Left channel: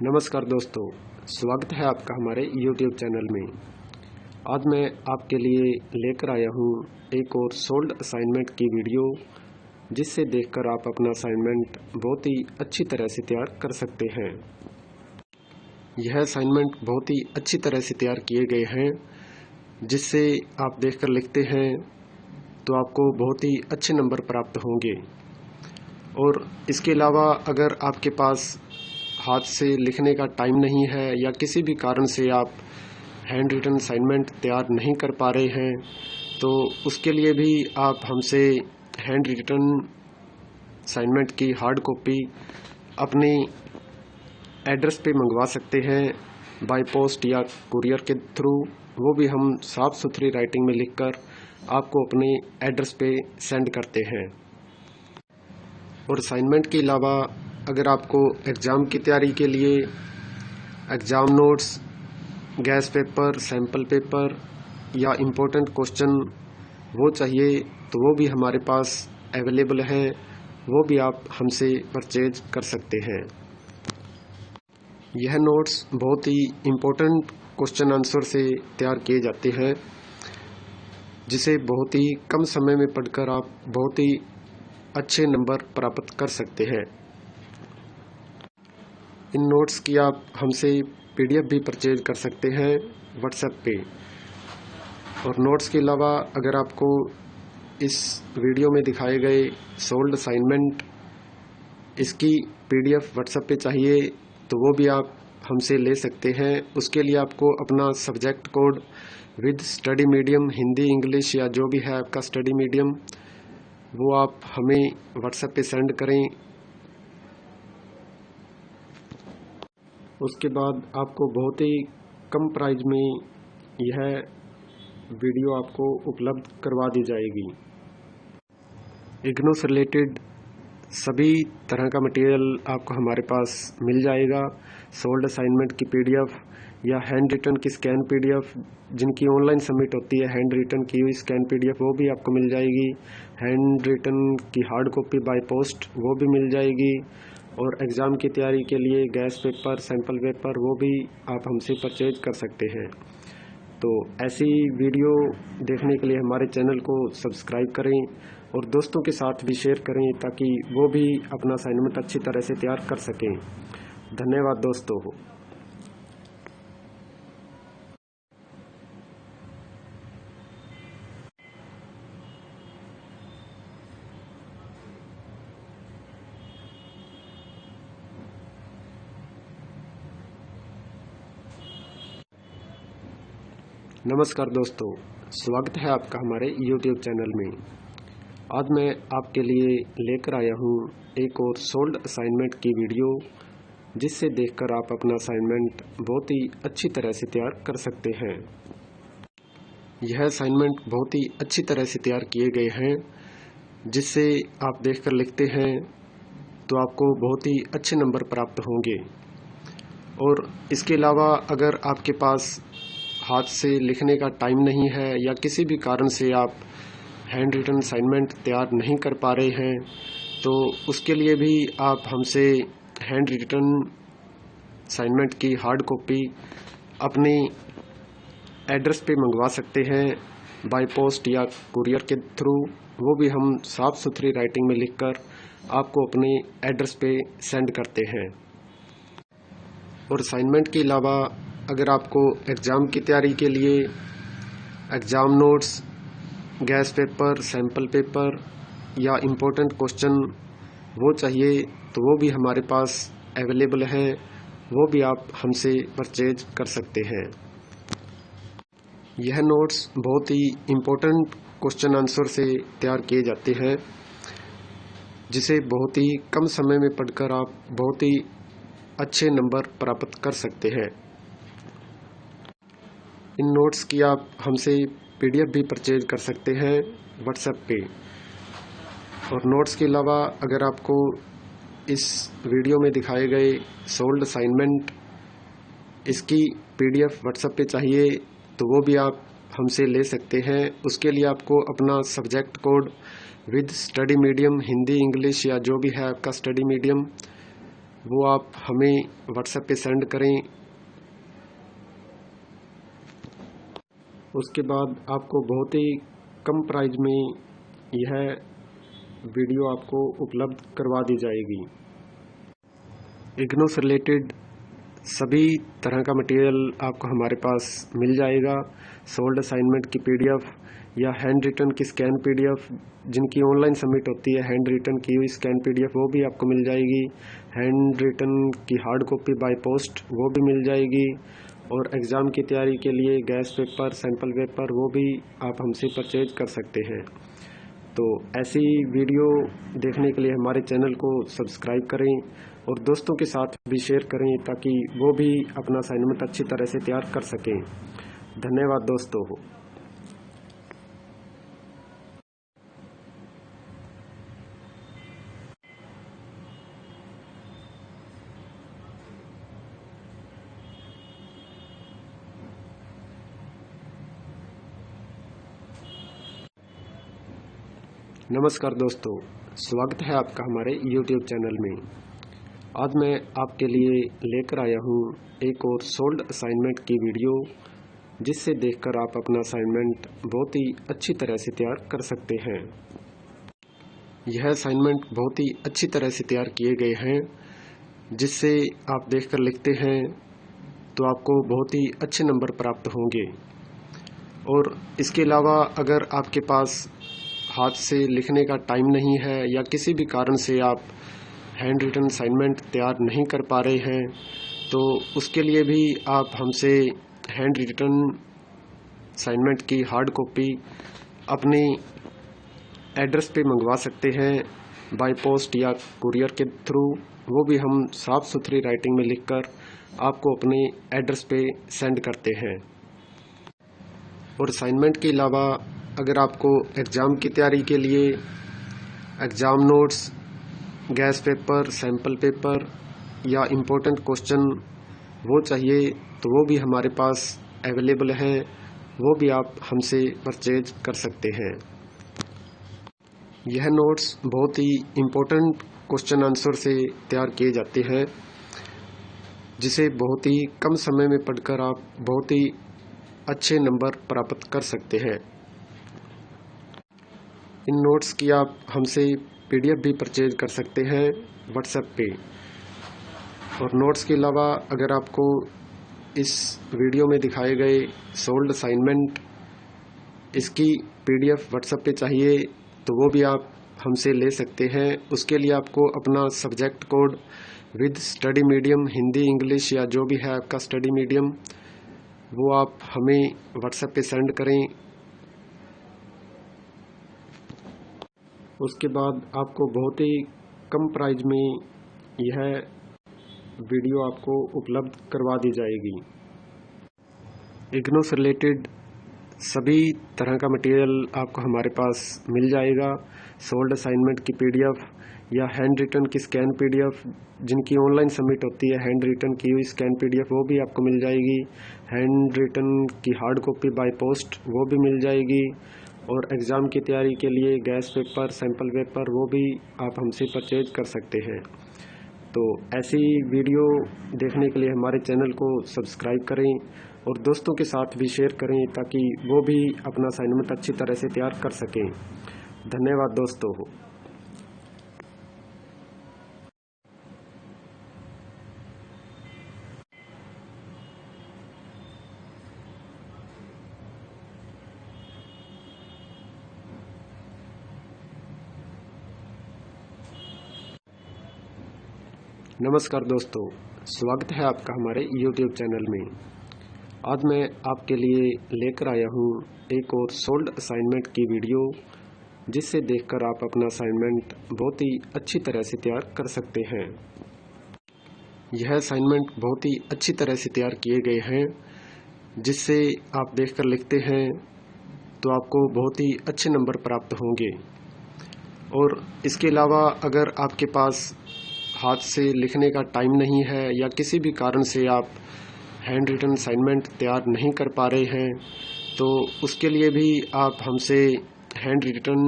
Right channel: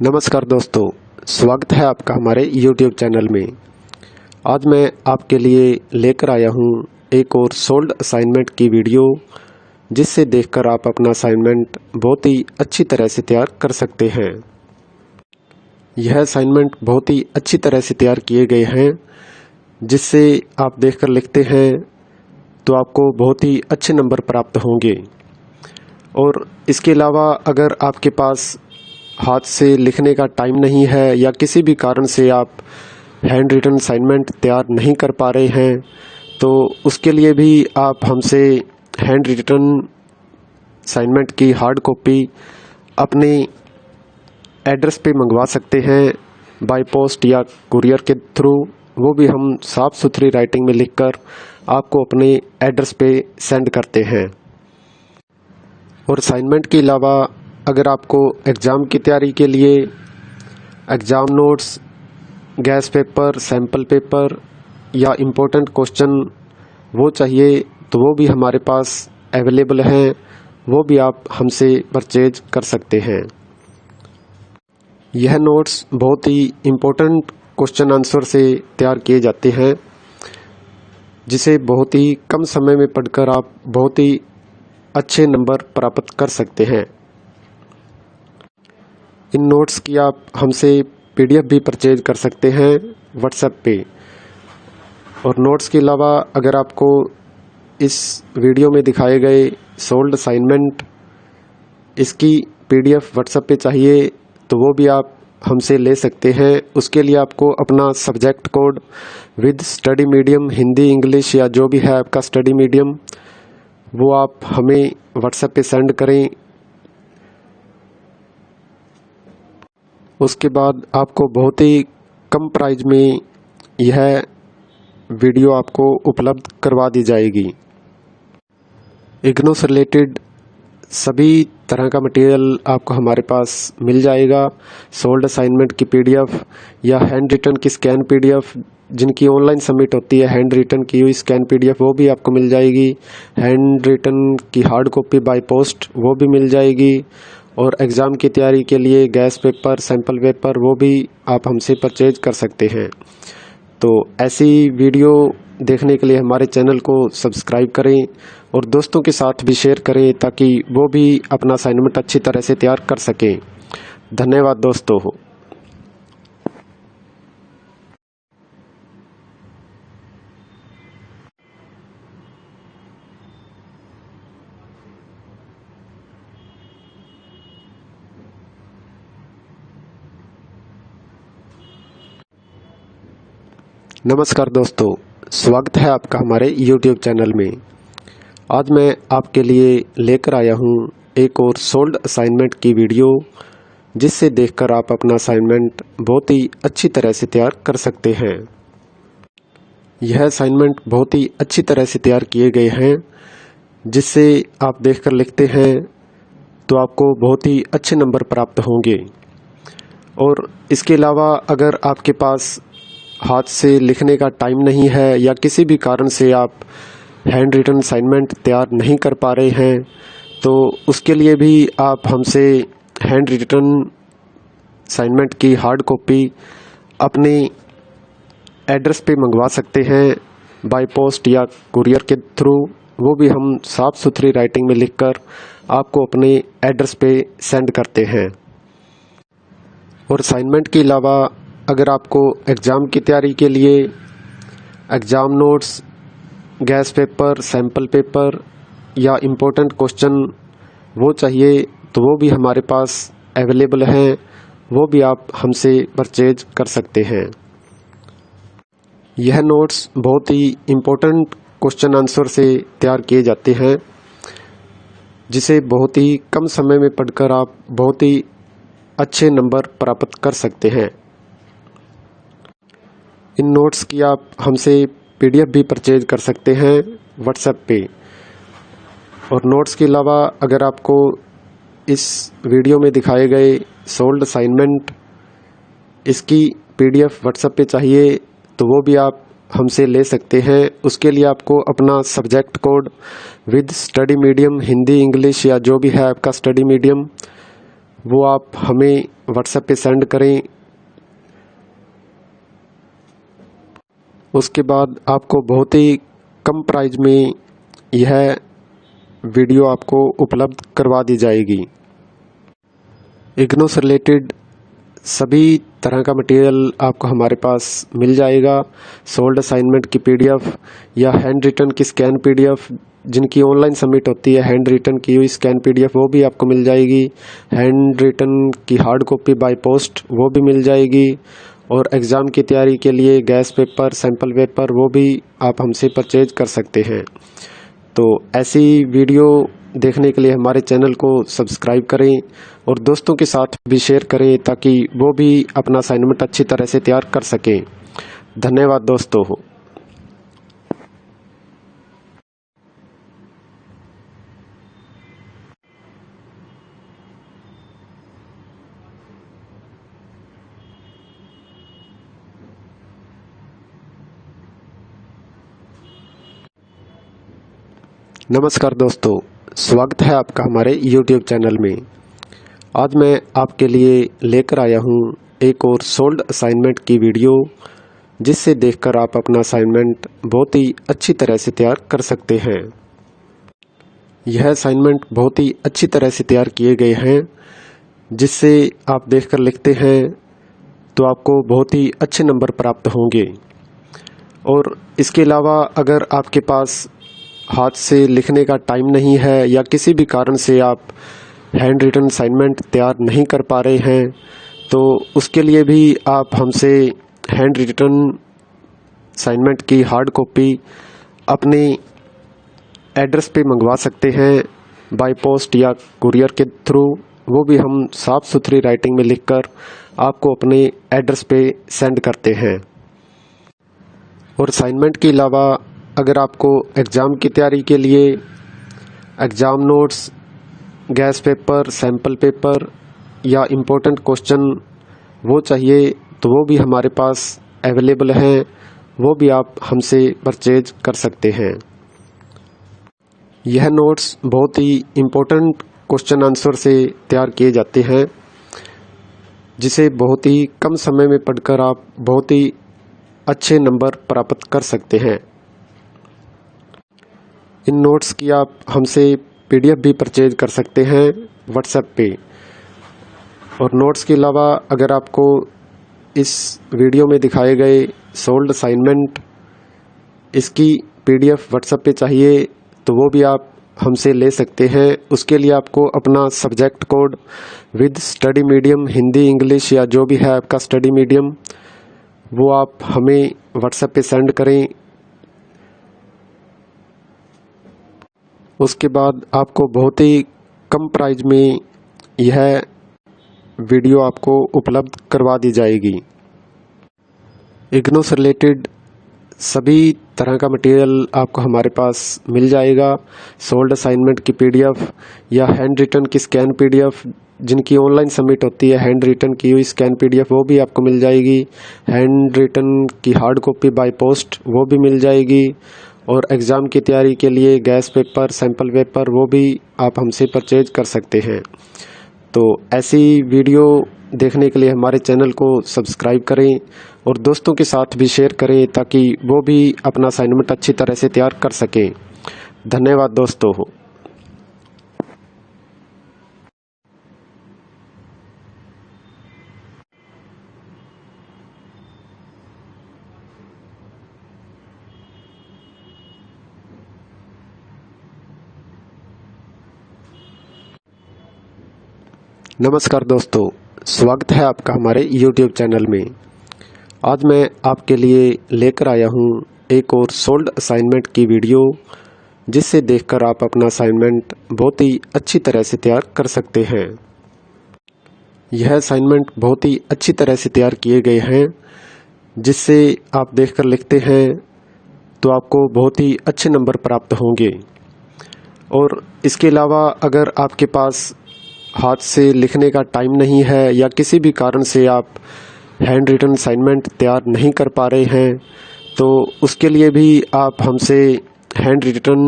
नमस्कार दोस्तों, स्वागत है आपका हमारे YouTube चैनल में। आज मैं आपके लिए लेकर आया हूँ एक और सोल्ड असाइनमेंट की वीडियो, जिससे देखकर आप अपना असाइनमेंट बहुत ही अच्छी तरह से तैयार कर सकते हैं। यह असाइनमेंट बहुत ही अच्छी तरह से तैयार किए गए हैं, जिससे आप देखकर लिखते हैं तो आपको बहुत ही अच्छे नंबर प्राप्त होंगे। और इसके अलावा अगर आपके पास हाथ से लिखने का टाइम नहीं है या किसी भी कारण से आप हैंड रिटन असाइनमेंट तैयार नहीं कर पा रहे हैं, तो उसके लिए भी आप हमसे हैंड रिटन असाइनमेंट की हार्ड कॉपी अपने एड्रेस पे मंगवा सकते हैं, बाय पोस्ट या कुरियर के थ्रू। वो भी हम साफ़ सुथरी राइटिंग में लिखकर आपको अपने एड्रेस पे सेंड करते हैं। और असाइनमेंट के अलावा अगर आपको एग्ज़ाम की तैयारी के लिए exam notes, gas paper, sample paper या इम्पोर्टेंट क्वेश्चन वो चाहिए, तो वो भी हमारे पास अवेलेबल हैं। वो भी आप हमसे परचेज कर सकते हैं। यह नोट्स बहुत ही इम्पोर्टेंट क्वेश्चन आंसर से तैयार किए जाते हैं, जिसे बहुत ही कम समय में पढ़कर आप बहुत ही अच्छे नंबर प्राप्त कर सकते हैं। इन नोट्स की आप हमसे PDF भी परचेज कर सकते हैं व्हाट्सएप पे। और नोट्स के अलावा अगर आपको इस वीडियो में दिखाए गए सोल्ड असाइनमेंट इसकी PDF व्हाट्सएप पे चाहिए, तो वो भी आप हमसे ले सकते हैं। उसके लिए आपको अपना subject code with study medium, Hindi, English या जो भी है आपका स्टडी मीडियम, वो आप हमें व्हाट्सएप पे सेंड करें। उसके बाद आपको बहुत ही कम प्राइस में यह वीडियो आपको उपलब्ध करवा दी जाएगी। इग्नू से रिलेटेड सभी तरह का मटेरियल आपको हमारे पास मिल जाएगा। सोल्ड असाइनमेंट की PDF या हैंड रिटन की स्कैन PDF, जिनकी ऑनलाइन सबमिट होती है, हैंड रिटन की हुई स्कैन PDF वो भी आपको मिल जाएगी। हैंड रिटन की हार्ड कॉपी बाय पोस्ट वो भी मिल जाएगी। और एग्ज़ाम की तैयारी के लिए गैस पेपर, सैम्पल पेपर वो भी आप हमसे परचेज कर सकते हैं। तो ऐसी वीडियो देखने के लिए हमारे चैनल को सब्सक्राइब करें और दोस्तों के साथ भी शेयर करें, ताकि वो भी अपना असाइनमेंट अच्छी तरह से तैयार कर सकें। धन्यवाद दोस्तों। नमस्कार दोस्तों, स्वागत है आपका हमारे YouTube चैनल में। आज मैं आपके लिए लेकर आया हूँ एक और सोल्ड असाइनमेंट की वीडियो, जिससे देखकर आप अपना असाइनमेंट बहुत ही अच्छी तरह से तैयार कर सकते हैं। यह असाइनमेंट बहुत ही अच्छी तरह से तैयार किए गए हैं, जिससे आप देखकर लिखते हैं तो आपको बहुत ही अच्छे नंबर प्राप्त होंगे। और इसके अलावा अगर आपके पास हाथ से लिखने का टाइम नहीं है या किसी भी कारण से आप हैंड रिटन असाइनमेंट तैयार नहीं कर पा रहे हैं, तो उसके लिए भी आप हमसे हैंड रिटन असाइनमेंट की हार्ड कॉपी अपने एड्रेस पे मंगवा सकते हैं, बाय पोस्ट या कुरियर के थ्रू। वो भी हम साफ़ सुथरी राइटिंग में लिखकर आपको अपने एड्रेस पे सेंड करते हैं। और असाइनमेंट के अलावा अगर आपको एग्ज़ाम की तैयारी के लिए exam notes, gas paper, sample paper या इम्पोर्टेंट क्वेश्चन वो चाहिए, तो वो भी हमारे पास अवेलेबल हैं। वो भी आप हमसे परचेज कर सकते हैं। यह नोट्स बहुत ही इम्पोर्टेंट क्वेश्चन आंसर से तैयार किए जाते हैं, जिसे बहुत ही कम समय में पढ़कर आप बहुत ही अच्छे नंबर प्राप्त कर सकते हैं। इन नोट्स की आप हमसे PDF भी परचेज कर सकते हैं व्हाट्सएप पे। और नोट्स के अलावा अगर आपको इस वीडियो में दिखाए गए सोल्ड असाइनमेंट इसकी PDF व्हाट्सएप पे चाहिए, तो वो भी आप हमसे ले सकते हैं। उसके लिए आपको अपना subject code with study medium, Hindi, English या जो भी है आपका स्टडी मीडियम, वो आप हमें व्हाट्सएप पे सेंड करें। उसके बाद आपको बहुत ही कम प्राइस में यह वीडियो आपको उपलब्ध करवा दी जाएगी। इग्नू से रिलेटेड सभी तरह का मटेरियल आपको हमारे पास मिल जाएगा। सोल्ड असाइनमेंट की पीडीएफ या हैंड रिटन की स्कैन पीडीएफ, जिनकी ऑनलाइन सबमिट होती है, हैंड रिटन की हुई स्कैन पीडीएफ वो भी आपको मिल जाएगी। हैंड रिटन की हार्ड कॉपी बाय पोस्ट वो भी मिल जाएगी। और एग्ज़ाम की तैयारी के लिए गैस पेपर, सैम्पल पेपर वो भी आप हमसे परचेज कर सकते हैं। तो ऐसी वीडियो देखने के लिए हमारे चैनल को सब्सक्राइब करें और दोस्तों के साथ भी शेयर करें ताकि वो भी अपना असाइनमेंट अच्छी तरह से तैयार कर सकें। धन्यवाद दोस्तों। नमस्कार दोस्तों, स्वागत है आपका हमारे YouTube चैनल में। आज मैं आपके लिए लेकर आया हूँ एक और सोल्ड असाइनमेंट की वीडियो, जिससे देखकर आप अपना असाइनमेंट बहुत ही अच्छी तरह से तैयार कर सकते हैं। यह असाइनमेंट बहुत ही अच्छी तरह से तैयार किए गए हैं, जिससे आप देखकर लिखते हैं तो आपको बहुत ही अच्छे नंबर प्राप्त होंगे। और इसके अलावा अगर आपके पास हाथ से लिखने का टाइम नहीं है या किसी भी कारण से आप हैंड रिटन असाइनमेंट तैयार नहीं कर पा रहे हैं, तो उसके लिए भी आप हमसे हैंड रिटन असाइनमेंट की हार्ड कॉपी अपने एड्रेस पे मंगवा सकते हैं, बाय पोस्ट या कुरियर के थ्रू। वो भी हम साफ़ सुथरी राइटिंग में लिखकर आपको अपने एड्रेस पे सेंड करते हैं। और असाइनमेंट के अलावा अगर आपको एग्ज़ाम की तैयारी के लिए exam notes, gas paper, sample paper या इम्पोर्टेंट क्वेश्चन वो चाहिए, तो वो भी हमारे पास अवेलेबल हैं। वो भी आप हमसे परचेज कर सकते हैं। यह नोट्स बहुत ही इम्पोर्टेंट क्वेश्चन आंसर से तैयार किए जाते हैं, जिसे बहुत ही कम समय में पढ़कर आप बहुत ही अच्छे नंबर प्राप्त कर सकते हैं। इन नोट्स की आप हमसे पीडीएफ भी परचेज कर सकते हैं व्हाट्सएप पे। और नोट्स के अलावा अगर आपको इस वीडियो में दिखाए गए सोल्ड असाइनमेंट इसकी पीडीएफ व्हाट्सएप पे चाहिए, तो वो भी आप हमसे ले सकते हैं। उसके लिए आपको अपना subject code with study medium, Hindi, English या जो भी है आपका स्टडी मीडियम, वो आप हमें व्हाट्सएप पे सेंड करें। उसके बाद आपको बहुत ही कम प्राइस में यह वीडियो आपको उपलब्ध करवा दी जाएगी। इग्नू से रिलेटेड सभी तरह का मटेरियल आपको हमारे पास मिल जाएगा। सोल्ड असाइनमेंट की पीडीएफ या हैंड रिटन की स्कैन पीडीएफ, जिनकी ऑनलाइन सबमिट होती है, हैंड रिटन की हुई स्कैन पीडीएफ वो भी आपको मिल जाएगी। हैंड रिटन की हार्ड कॉपी बाय पोस्ट वो भी मिल जाएगी। और एग्ज़ाम की तैयारी के लिए गैस पेपर, सैम्पल पेपर वो भी आप हमसे परचेज कर सकते हैं। तो ऐसी वीडियो देखने के लिए हमारे चैनल को सब्सक्राइब करें और दोस्तों के साथ भी शेयर करें ताकि वो भी अपना असाइनमेंट अच्छी तरह से तैयार कर सकें। धन्यवाद दोस्तों। नमस्कार दोस्तों, स्वागत है आपका हमारे YouTube चैनल में। आज मैं आपके लिए लेकर आया हूँ एक और सोल्ड असाइनमेंट की वीडियो, जिससे देखकर आप अपना असाइनमेंट बहुत ही अच्छी तरह से तैयार कर सकते हैं। यह असाइनमेंट बहुत ही अच्छी तरह से तैयार किए गए हैं, जिससे आप देखकर लिखते हैं तो आपको बहुत ही अच्छे नंबर प्राप्त होंगे। और इसके अलावा अगर आपके पास हाथ से लिखने का टाइम नहीं है या किसी भी कारण से आप हैंड रिटन असाइनमेंट तैयार नहीं कर पा रहे हैं, तो उसके लिए भी आप हमसे हैंड रिटन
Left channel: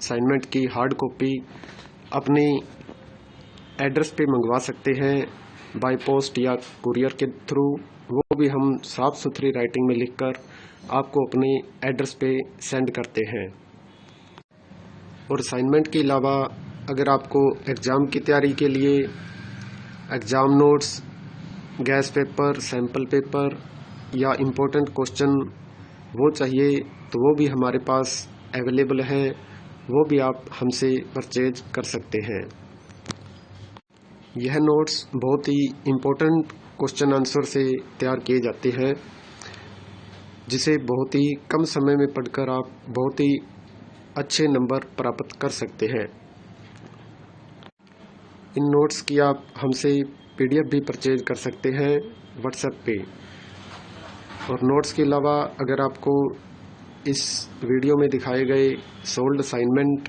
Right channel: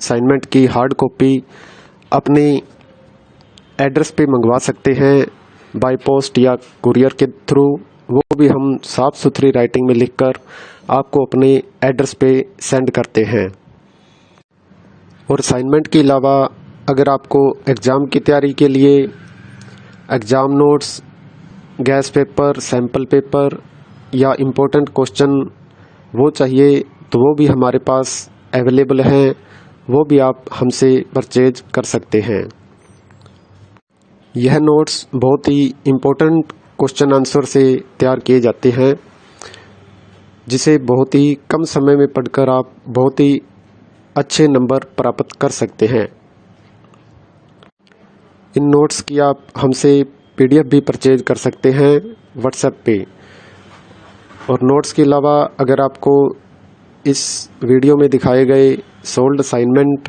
असाइनमेंट की हार्ड कॉपी अपने एड्रेस पे मंगवा सकते हैं बाय पोस्ट या कुरियर के थ्रू, वो भी हम साफ़ सुथरी राइटिंग में लिखकर आपको अपने एड्रेस पे सेंड करते हैं। और असाइनमेंट के अलावा अगर आपको एग्ज़ाम की तैयारी के लिए exam notes, gas paper, sample paper या इम्पोर्टेंट क्वेश्चन वो चाहिए तो वो भी हमारे पास अवेलेबल हैं, वो भी आप हमसे परचेज कर सकते हैं। यह नोट्स बहुत ही इम्पोर्टेंट क्वेश्चन आंसर से तैयार किए जाते हैं, जिसे बहुत ही कम समय में पढ़कर आप बहुत ही अच्छे नंबर प्राप्त कर सकते हैं। इन नोट्स की आप हमसे PDF भी परचेज कर सकते हैं व्हाट्सएप पे। और नोट्स के अलावा अगर आपको इस वीडियो में दिखाए गए सोल्ड असाइनमेंट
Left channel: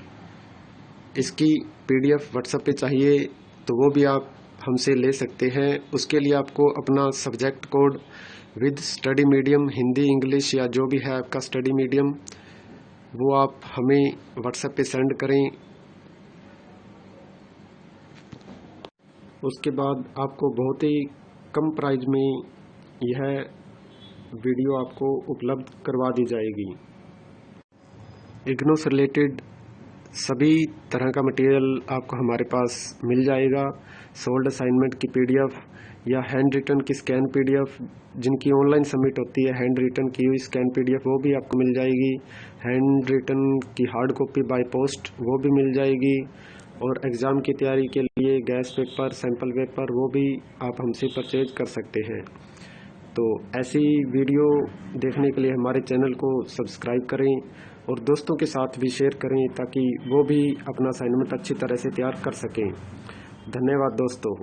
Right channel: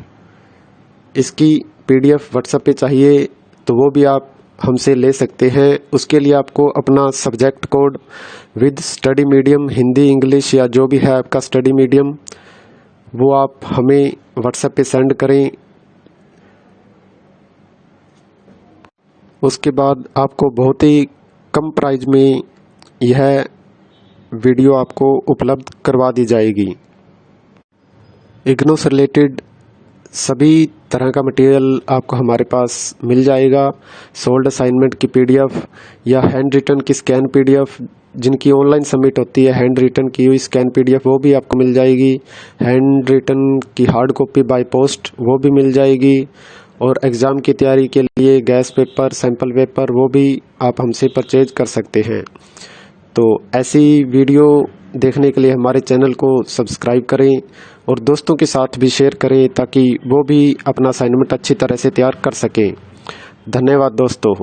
इसकी PDF व्हाट्सएप पे चाहिए तो वो भी आप हमसे ले सकते हैं। उसके लिए आपको अपना subject code with study medium, Hindi, English या जो भी है आपका स्टडी मीडियम, वो आप हमें व्हाट्सएप पे सेंड करें। उसके बाद आपको बहुत ही कम प्राइस में यह वीडियो आपको उपलब्ध करवा दी जाएगी। इग्नू से रिलेटेड सभी तरह का मटेरियल आपको हमारे पास मिल जाएगा। सोल्ड असाइनमेंट की PDF या हैंड रिटन की स्कैन PDF, जिनकी ऑनलाइन सबमिट होती है हैंड रिटन की हुई स्कैन PDF, वो भी आपको मिल जाएगी। हैंड रिटन की हार्ड कॉपी बाय पोस्ट वो भी मिल जाएगी। और एग्ज़ाम की तैयारी के लिए गैस पेपर, सैम्पल पेपर वो भी आप हमसे परचेज कर सकते हैं। तो ऐसी वीडियो देखने के लिए हमारे चैनल को सब्सक्राइब करें और दोस्तों के साथ भी शेयर करें ताकि वो भी अपना असाइनमेंट अच्छी तरह से तैयार कर सकें। धन्यवाद दोस्तों।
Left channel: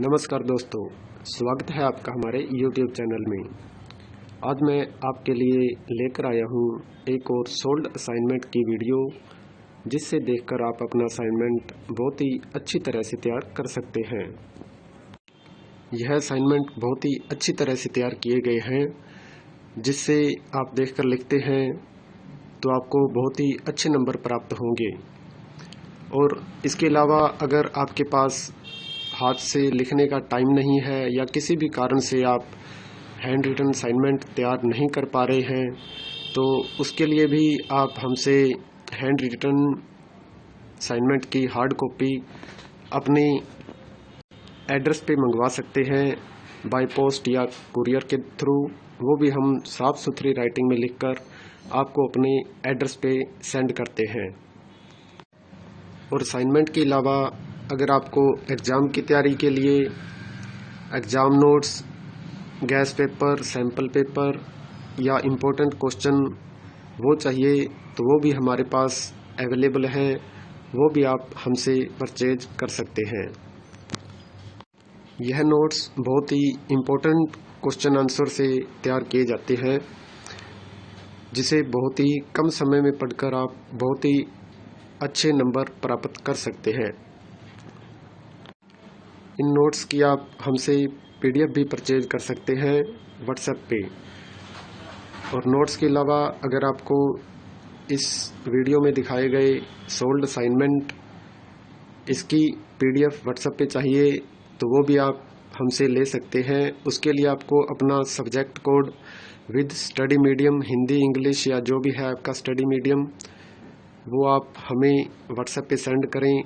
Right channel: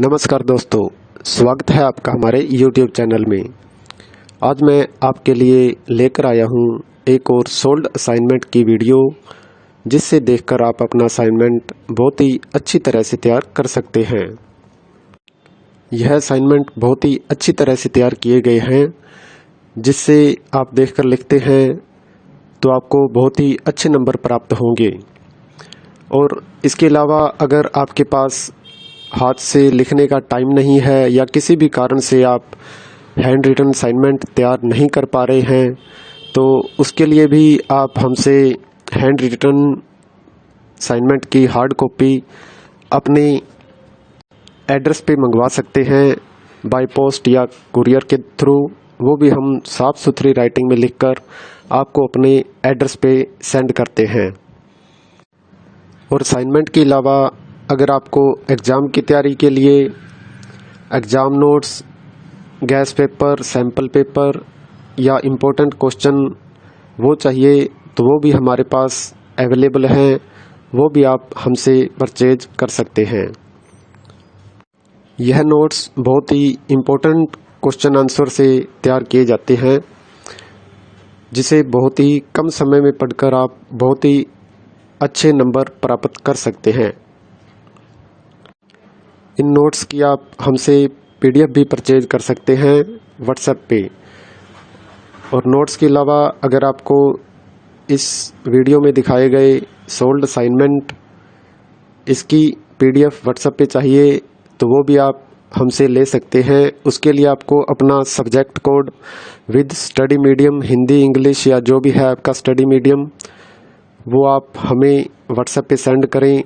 नमस्कार दोस्तों, स्वागत है आपका हमारे YouTube चैनल में। आज मैं आपके लिए लेकर आया हूँ एक और सोल्ड असाइनमेंट की वीडियो, जिससे देखकर आप अपना असाइनमेंट बहुत ही अच्छी तरह से तैयार कर सकते हैं। यह असाइनमेंट बहुत ही अच्छी तरह से तैयार किए गए हैं, जिससे आप देखकर लिखते हैं तो आपको बहुत ही अच्छे नंबर प्राप्त होंगे। और इसके अलावा अगर आपके पास हाथ से लिखने का टाइम नहीं है या किसी भी कारण से आप हैंड रिटन असाइनमेंट तैयार नहीं कर पा रहे हैं, तो उसके लिए भी आप हमसे हैंड रिटन असाइनमेंट की हार्ड कॉपी अपने एड्रेस पे मंगवा सकते हैं बाय पोस्ट या कुरियर के थ्रू, वो भी हम साफ़ सुथरी राइटिंग में लिखकर आपको अपने एड्रेस पे सेंड करते हैं। और असाइनमेंट के अलावा अगर आपको एग्ज़ाम की तैयारी के लिए exam notes, gas paper, sample paper या इम्पोर्टेंट क्वेश्चन वो चाहिए तो वो भी हमारे पास अवेलेबल हैं, वो भी आप हमसे परचेज कर सकते हैं। यह नोट्स बहुत ही इम्पोर्टेंट क्वेश्चन आंसर से तैयार किए जाते हैं, जिसे बहुत ही कम समय में पढ़कर आप बहुत ही अच्छे नंबर प्राप्त कर सकते हैं। इन नोट्स की आप हमसे PDF भी परचेज कर सकते हैं व्हाट्सएप पे। और नोट्स के अलावा अगर आपको इस वीडियो में दिखाए गए सोल्ड असाइनमेंट इसकी PDF व्हाट्सएप पे चाहिए तो वो भी आप हमसे ले सकते हैं। उसके लिए आपको अपना subject code with study medium, Hindi, English या जो भी है आपका स्टडी मीडियम, वो आप हमें व्हाट्सएप पे सेंड करें।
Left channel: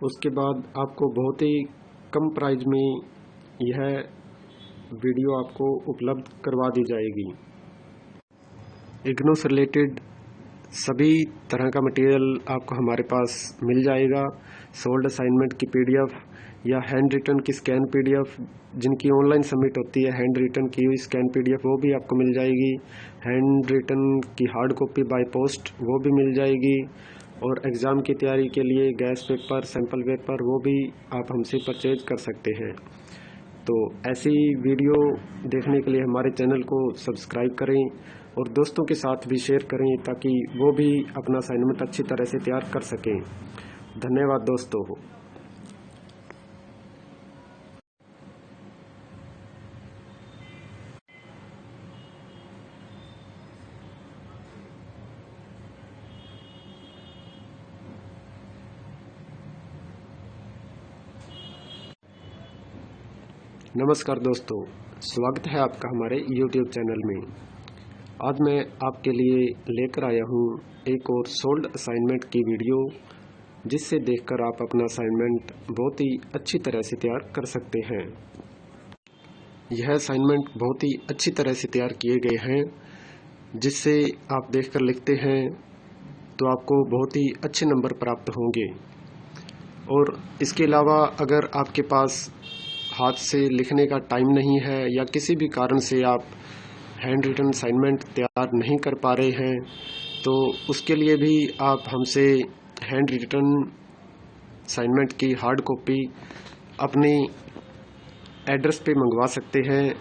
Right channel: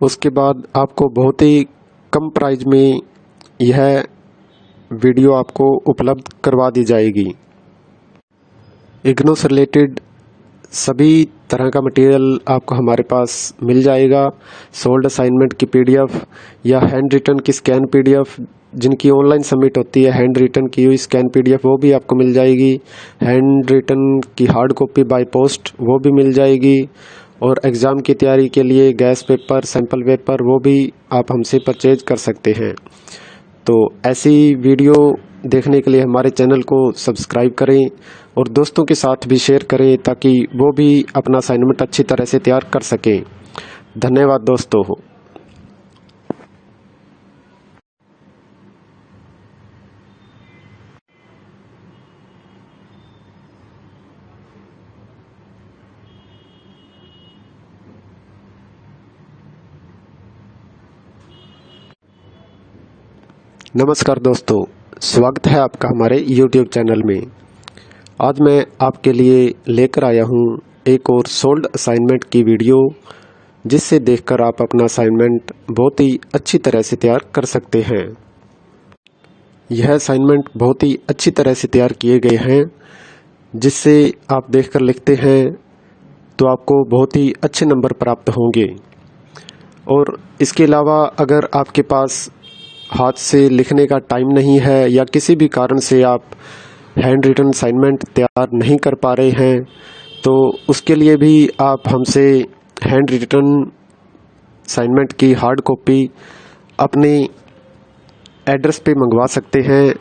उसके बाद आपको बहुत ही कम प्राइस में यह वीडियो आपको उपलब्ध करवा दी जाएगी। इग्नू से रिलेटेड सभी तरह का मटेरियल आपको हमारे पास मिल जाएगा। सोल्ड असाइनमेंट की PDF या हैंड रिटन की स्कैन PDF, जिनकी ऑनलाइन सबमिट होती है हैंड रिटन की हुई स्कैन PDF, वो भी आपको मिल जाएगी। हैंड रिटन की हार्ड कॉपी बाय पोस्ट वो भी मिल जाएगी। और एग्ज़ाम की तैयारी के लिए गैस पेपर, सैम्पल पेपर वो भी आप हमसे परचेज कर सकते हैं। तो ऐसी वीडियो देखने के लिए हमारे चैनल को सब्सक्राइब करें और दोस्तों के साथ भी शेयर करें ताकि वो भी अपना असाइनमेंट अच्छी तरह से तैयार कर सकें। धन्यवाद दोस्तों। नमस्कार दोस्तों, स्वागत है आपका हमारे YouTube चैनल में। आज मैं आपके लिए लेकर आया हूँ एक और सोल्ड असाइनमेंट की वीडियो, जिससे देखकर आप अपना असाइनमेंट बहुत ही अच्छी तरह से तैयार कर सकते हैं। यह असाइनमेंट बहुत ही अच्छी तरह से तैयार किए गए हैं, जिससे आप देखकर लिखते हैं तो आपको बहुत ही अच्छे नंबर प्राप्त होंगे। और इसके अलावा अगर आपके पास हाथ से लिखने का टाइम नहीं है या किसी भी कारण से आप हैंड रिटन असाइनमेंट तैयार नहीं कर पा रहे हैं, तो उसके लिए भी आप हमसे हैंड रिटन असाइनमेंट की हार्ड कॉपी अपने एड्रेस पे मंगवा सकते हैं,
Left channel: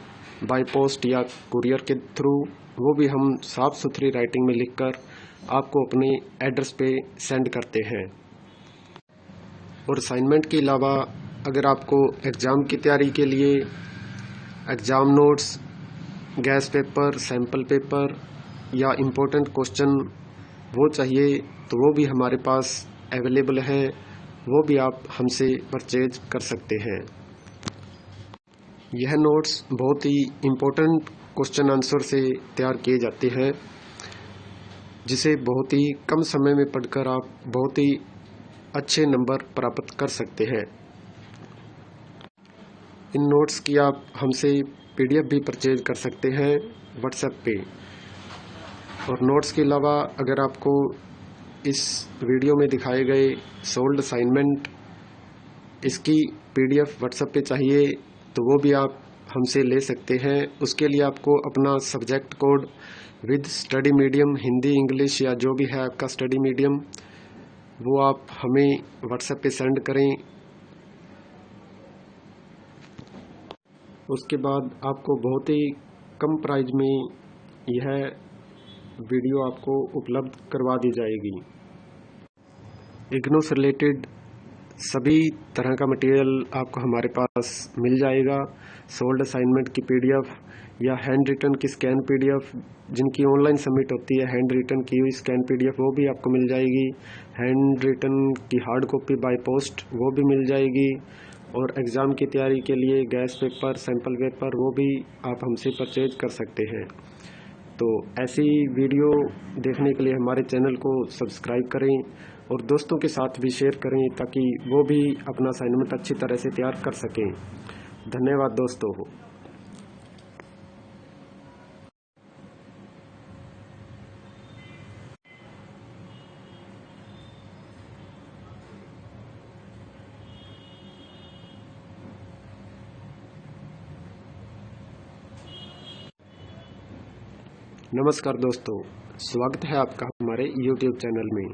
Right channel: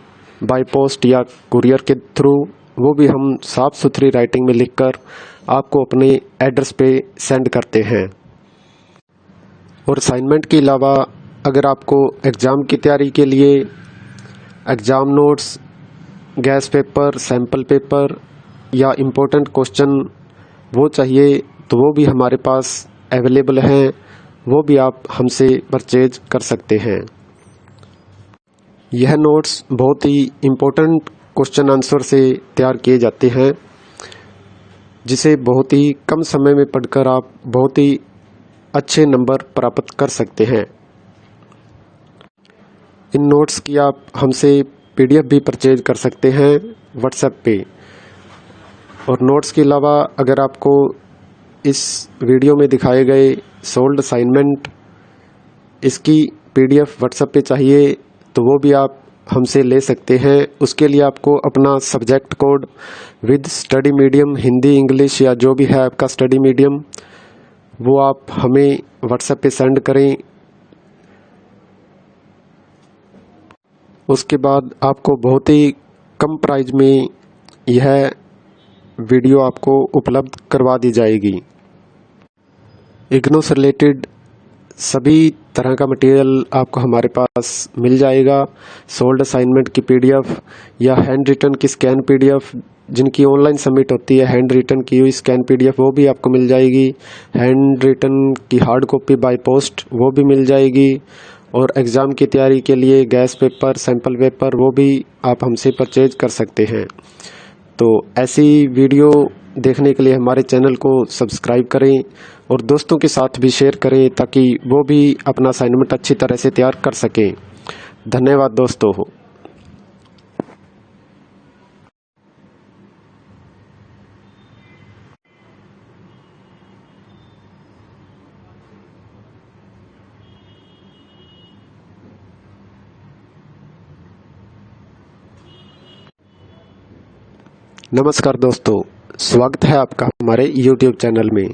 बाय पोस्ट या कुरियर के थ्रू। वो भी हम साफ़ सुथरी राइटिंग में लिखकर आपको अपने एड्रेस पे सेंड करते हैं। और असाइनमेंट के अलावा अगर आपको एग्ज़ाम की तैयारी के लिए exam notes, gas paper, sample paper या इम्पोर्टेंट क्वेश्चन वो चाहिए, तो वो भी हमारे पास अवेलेबल हैं। वो भी आप हमसे परचेज कर सकते हैं। यह नोट्स बहुत ही इम्पोर्टेंट क्वेश्चन आंसर से तैयार किए जाते हैं, जिसे बहुत ही कम समय में पढ़कर आप बहुत ही अच्छे नंबर प्राप्त कर सकते हैं। इन नोट्स की आप हमसे PDF भी परचेज कर सकते हैं व्हाट्सएप पे। और नोट्स के अलावा अगर आपको इस वीडियो में दिखाए गए सोल्ड असाइनमेंट इसकी PDF व्हाट्सएप पे चाहिए, तो वो भी आप हमसे ले सकते हैं। उसके लिए आपको अपना subject code with study medium, Hindi, English या जो भी है आपका स्टडी मीडियम, वो आप हमें व्हाट्सएप पे सेंड करें। उसके बाद आपको बहुत ही कम प्राइस में यह वीडियो आपको उपलब्ध करवा दी जाएगी। इग्नू से रिलेटेड सभी तरह का मटेरियल आपको हमारे पास मिल जाएगा। सोल्ड असाइनमेंट की PDF या हैंड रिटन की स्कैन PDF, जिनकी ऑनलाइन सबमिट होती है, हैंड रिटन की हुई स्कैन PDF वो भी आपको मिल जाएगी। हैंड रिटन की हार्ड कॉपी बाय पोस्ट वो भी मिल जाएगी। और एग्ज़ाम की तैयारी के लिए गैस पेपर, सैम्पल पेपर वो भी आप हमसे परचेज कर सकते हैं। तो ऐसी वीडियो देखने के लिए हमारे चैनल को सब्सक्राइब करें और दोस्तों के साथ भी शेयर करें ताकि वो भी अपना असाइनमेंट अच्छी तरह से तैयार कर सकें। धन्यवाद दोस्तों। नमस्कार दोस्तों, स्वागत है आपका हमारे YouTube चैनल में।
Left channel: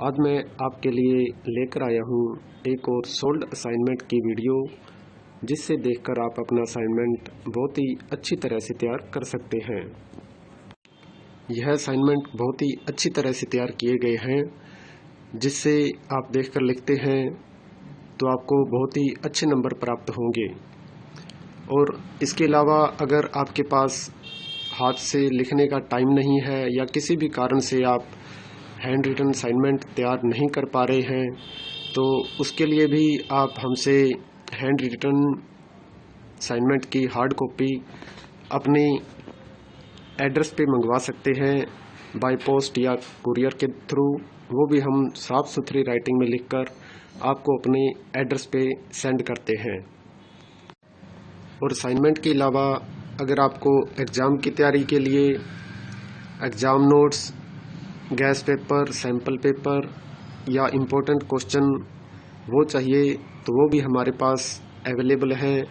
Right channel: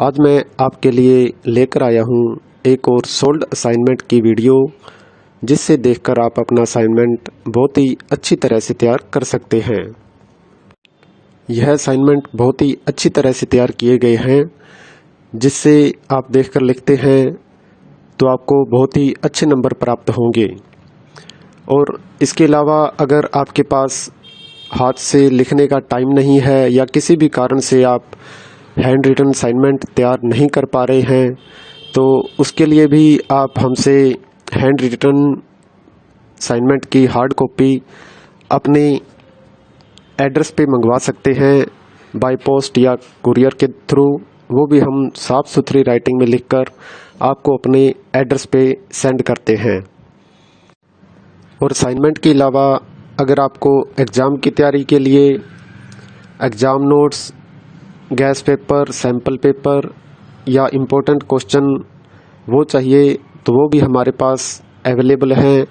आज मैं आपके लिए लेकर आया हूँ एक और सोल्ड असाइनमेंट की वीडियो, जिससे देखकर आप अपना असाइनमेंट बहुत ही अच्छी तरह से तैयार कर सकते हैं। यह असाइनमेंट बहुत ही अच्छी तरह से तैयार किए गए हैं, जिससे आप देखकर लिखते हैं तो आपको बहुत ही अच्छे नंबर प्राप्त होंगे। और इसके अलावा अगर आपके पास हाथ से लिखने का टाइम नहीं है या किसी भी कारण से आप हैंड रिटन असाइनमेंट तैयार नहीं कर पा रहे हैं, तो उसके लिए भी आप हमसे हैंड रिटन असाइनमेंट की हार्ड कॉपी अपने एड्रेस पे मंगवा सकते हैं, बाय पोस्ट या कुरियर के थ्रू। वो भी हम साफ़ सुथरी राइटिंग में लिखकर आपको अपने एड्रेस पे सेंड करते हैं। और असाइनमेंट के अलावा अगर आपको एग्ज़ाम की तैयारी के लिए exam notes, gas paper, sample paper या इम्पोर्टेंट क्वेश्चन वो चाहिए, तो वो भी हमारे पास अवेलेबल हैं।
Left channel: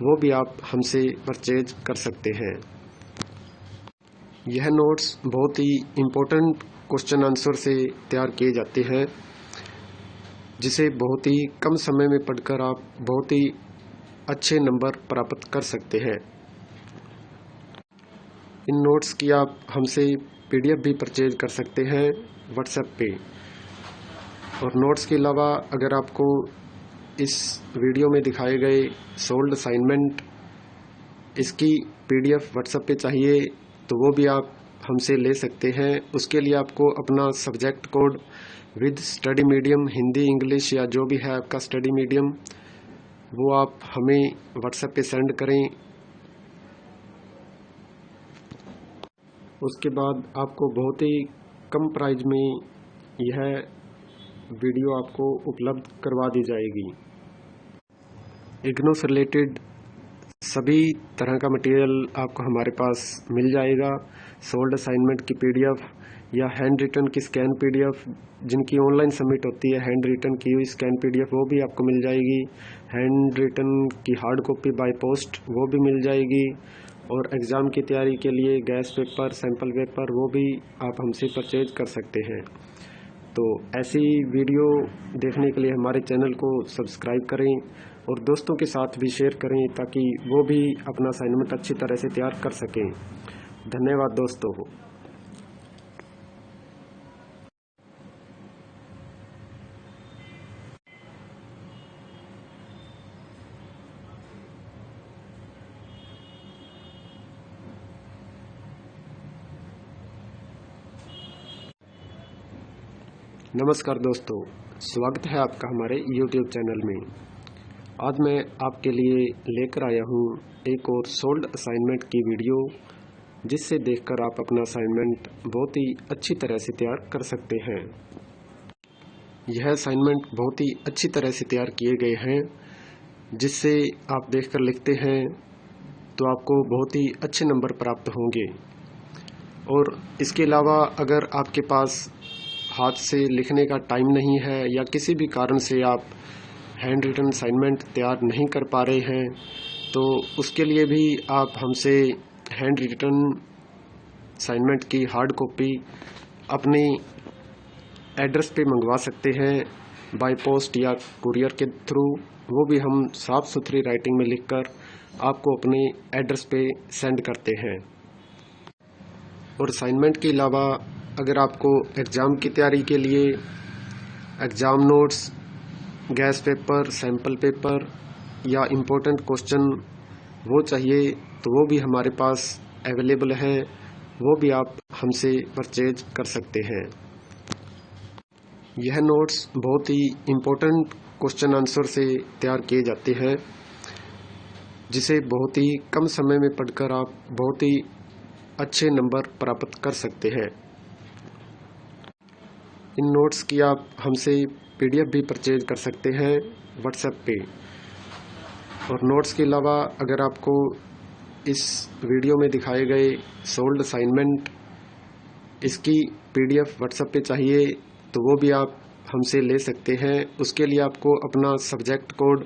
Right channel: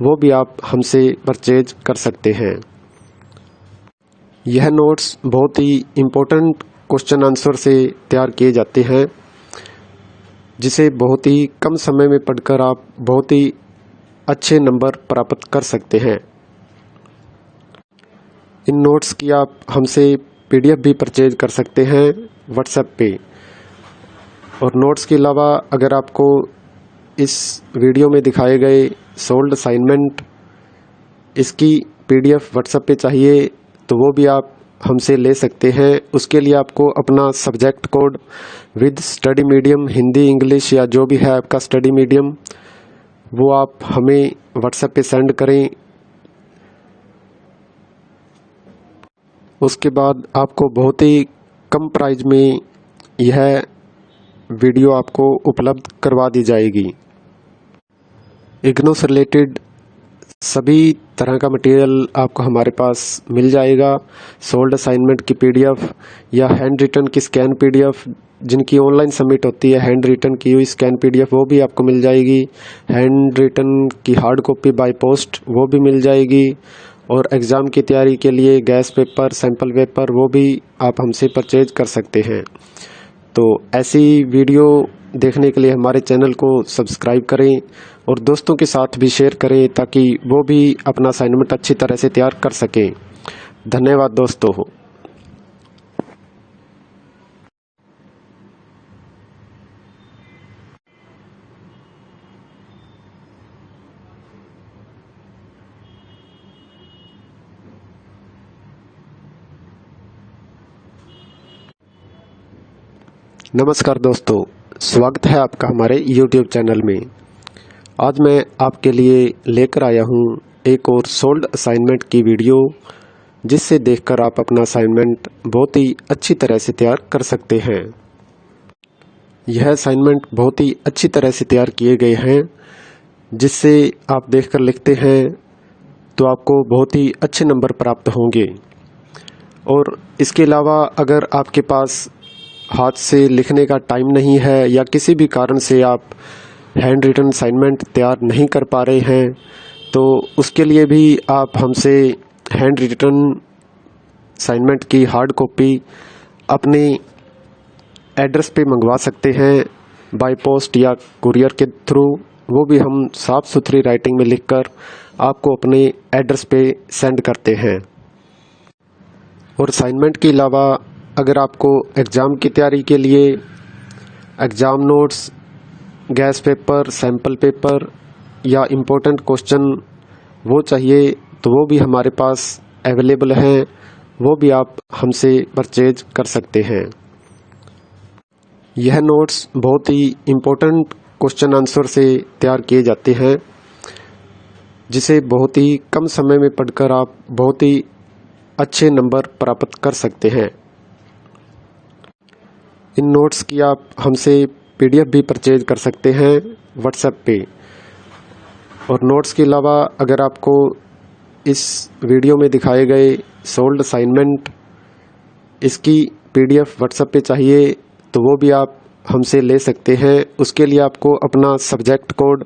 वो भी आप हमसे परचेज कर सकते हैं। यह नोट्स बहुत ही इम्पोर्टेंट क्वेश्चन आंसर से तैयार किए जाते हैं, जिसे बहुत ही कम समय में पढ़कर आप बहुत ही अच्छे नंबर प्राप्त कर सकते हैं। इन नोट्स की आप हमसे PDF भी परचेज कर सकते हैं व्हाट्सएप पे। और नोट्स के अलावा अगर आपको इस वीडियो में दिखाए गए सोल्ड असाइनमेंट इसकी PDF व्हाट्सएप पे चाहिए तो वो भी आप हमसे ले सकते हैं। उसके लिए आपको अपना subject code with study medium Hindi English या जो भी है आपका स्टडी मीडियम वो आप हमें व्हाट्सएप पे सेंड करें। उसके बाद आपको बहुत ही कम प्राइस में यह वीडियो आपको उपलब्ध करवा दी जाएगी। इग्नू से रिलेटेड सभी तरह का मटेरियल आपको हमारे पास मिल जाएगा। सोल्ड असाइनमेंट की PDF या हैंड रिटन की स्कैन PDF जिनकी ऑनलाइन सबमिट होती है, हैंड रिटन की हुई स्कैन PDF वो भी आपको मिल जाएगी। हैंड रिटन की हार्ड कॉपी बाय पोस्ट वो भी मिल जाएगी। और एग्ज़ाम की तैयारी के लिए गैस पेपर, सैम्पल पेपर वो भी आप हमसे परचेज कर सकते हैं। तो ऐसी वीडियो देखने के लिए हमारे चैनल को सब्सक्राइब करें और दोस्तों के साथ भी शेयर करें ताकि वो भी अपना असाइनमेंट अच्छी तरह से तैयार कर सकें। धन्यवाद दोस्तों। नमस्कार दोस्तों, स्वागत है आपका हमारे YouTube चैनल में। आज मैं आपके लिए लेकर आया हूँ एक और सोल्ड असाइनमेंट की वीडियो जिससे देखकर आप अपना असाइनमेंट बहुत ही अच्छी तरह से तैयार कर सकते हैं। यह असाइनमेंट बहुत ही अच्छी तरह से तैयार किए गए हैं जिससे आप देखकर लिखते हैं तो आपको बहुत ही अच्छे नंबर प्राप्त होंगे। और इसके अलावा अगर आपके पास हाथ से लिखने का टाइम नहीं है या किसी भी कारण से आप हैंड रिटन असाइनमेंट तैयार नहीं कर पा रहे हैं तो उसके लिए भी आप हमसे हैंड रिटन असाइनमेंट की हार्ड कॉपी अपने एड्रेस पे मंगवा सकते हैं बाय पोस्ट या कुरियर के थ्रू। वो भी हम साफ़ सुथरी राइटिंग में लिखकर आपको अपने एड्रेस पे सेंड करते हैं। और असाइनमेंट के अलावा अगर आपको एग्ज़ाम की तैयारी के लिए exam notes, gas paper, sample paper या इम्पोर्टेंट क्वेश्चन वो चाहिए तो वो भी हमारे पास अवेलेबल हैं। वो भी आप हमसे परचेज कर सकते हैं। यह नोट्स बहुत ही इम्पोर्टेंट क्वेश्चन आंसर से तैयार किए जाते हैं जिसे बहुत ही कम समय में पढ़कर आप बहुत ही अच्छे नंबर प्राप्त कर सकते हैं। इन नोट्स की आप हमसे PDF भी परचेज कर सकते हैं व्हाट्सएप पे। और नोट्स के अलावा अगर आपको इस वीडियो में दिखाए गए सोल्ड असाइनमेंट इसकी PDF व्हाट्सएप पे चाहिए तो वो भी आप हमसे ले सकते हैं। उसके लिए आपको अपना subject code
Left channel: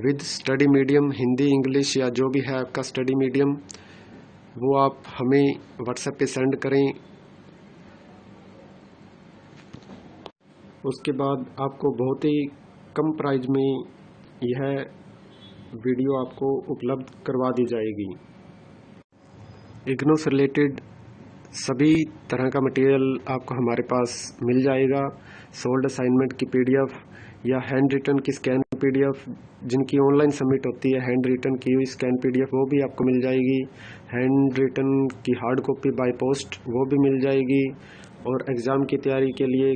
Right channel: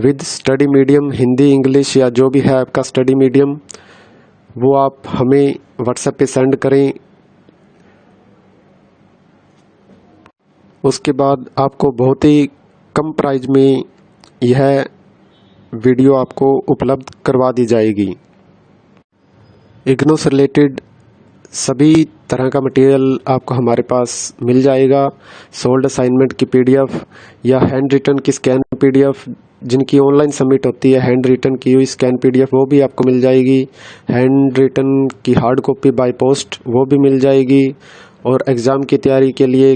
with study medium Hindi English या जो भी है आपका स्टडी मीडियम वो आप हमें व्हाट्सएप पे सेंड करें। उसके बाद आपको बहुत ही कम प्राइस में यह वीडियो आपको उपलब्ध करवा दी जाएगी। इग्नू से रिलेटेड सभी तरह का मटेरियल आपको हमारे पास मिल जाएगा। सोल्ड असाइनमेंट की PDF या हैंड रिटन की स्कैन PDF जिनकी ऑनलाइन सबमिट होती है, हैंड रिटन की हुई स्कैन PDF वो भी आपको मिल जाएगी। हैंड रिटन की हार्ड कॉपी बाय पोस्ट वो भी मिल जाएगी। और एग्ज़ाम की तैयारी के लिए